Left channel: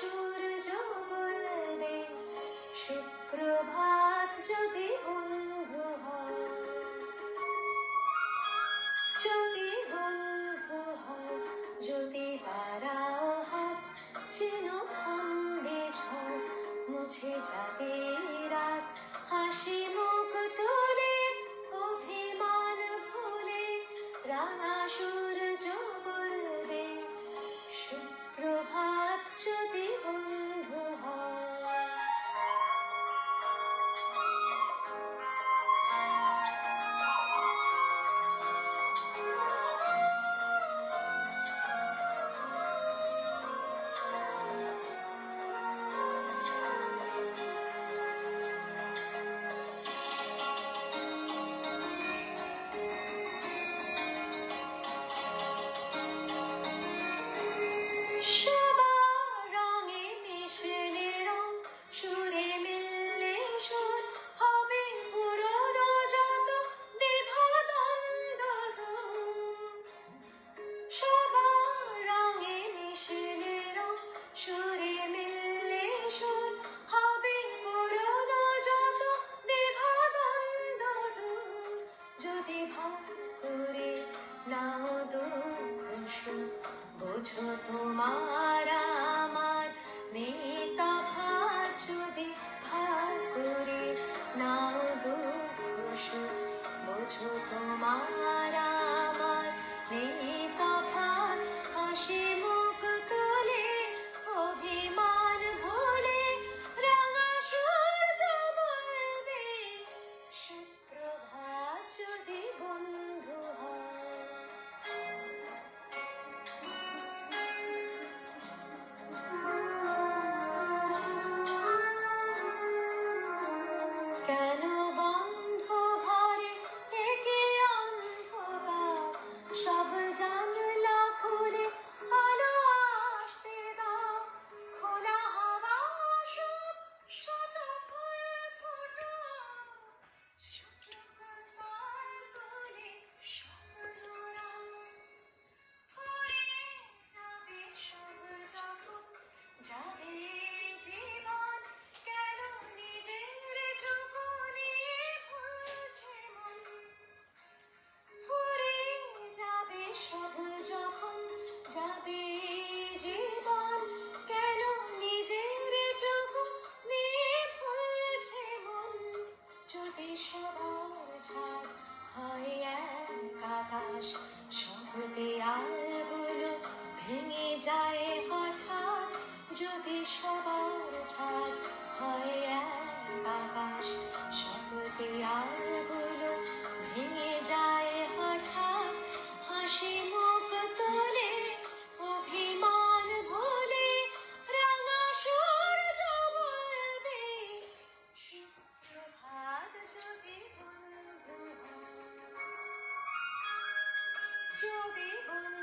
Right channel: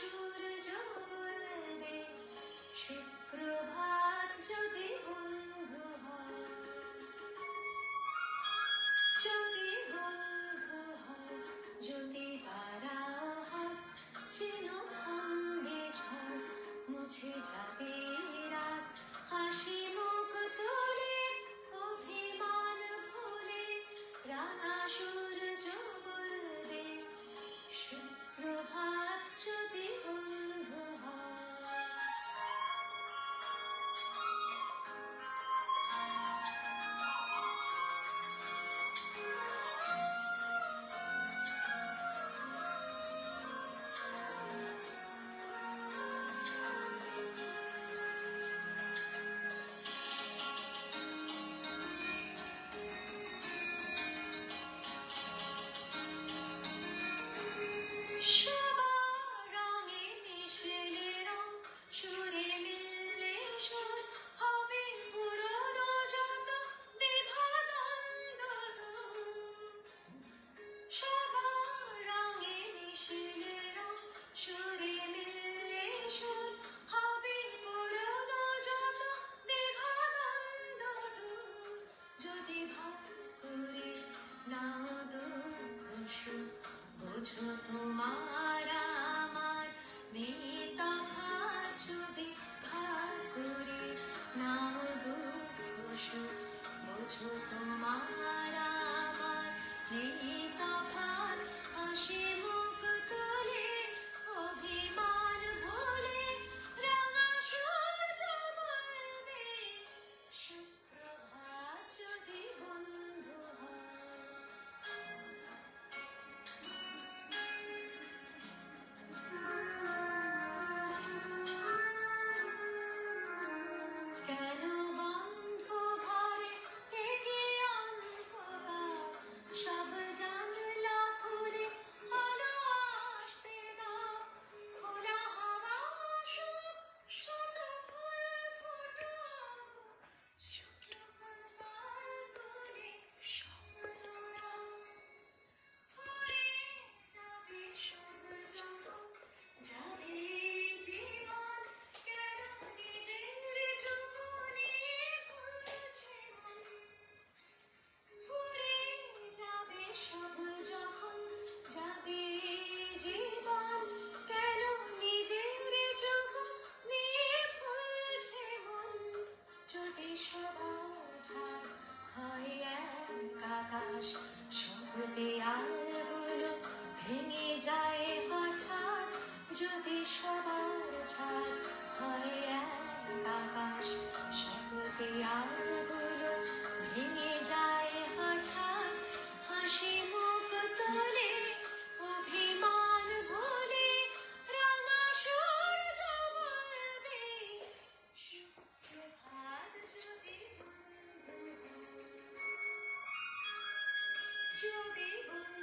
সূর্য বলবে সুপ্রভাত যদি বন্ধু হয়, যদি বন্ধু হয়, যদি বাড়াও হাত যেন থামবে ঝড়, মুছে যাবে রাত, হাসি মুখ তুলে অভিমান ভুলে রাঙা সূর্য বলবে সুপ্রভাত যদি বন্ধু হয়। নাও দুঃখ সুখ বোঝো তোমার আমার নেতা ভার, যদি ভার করে নাও দুঃখ সুখ বোঝো তোমার আমার নেতা ভার, হাসি মুখ তুলে অভিমান ভুলে রাঙা সূর্য বলবে সুপ্রভাত যদি বন্ধু হয়। কেন বন্ধ ঘরে থেকে অন্ধকার, সব জানলা খুলে আলো আসতে দাও, খোলা হাওয়া সব শত ফুল ফুটো, ছোট পাল তুলে স্বপ্নরা হয়ে যাবে সব যখন যাবে জীবন, কেন নিজের টুকু নিয়ে ভুলছে মন, ফুরে যাবে সব যখন যাবে জীবন, কেন নিজের টুকু নিয়ে ভুলছে মন, যদি সবার ছাড় হয় এক আকাশ, সব দেয়ালগুলো ভেঙে যায় হঠাৎ, যদি সবার ছাড় হয় এক আকাশ, সব দেয়ালগুলো ভেঙে যায় হঠাৎ, হাসি মুখ তুলে অভিমান ভুলে রাঙা সূর্য বলবে সুপ্রভাত যদি বন্ধু হয়, যদি বন্ধু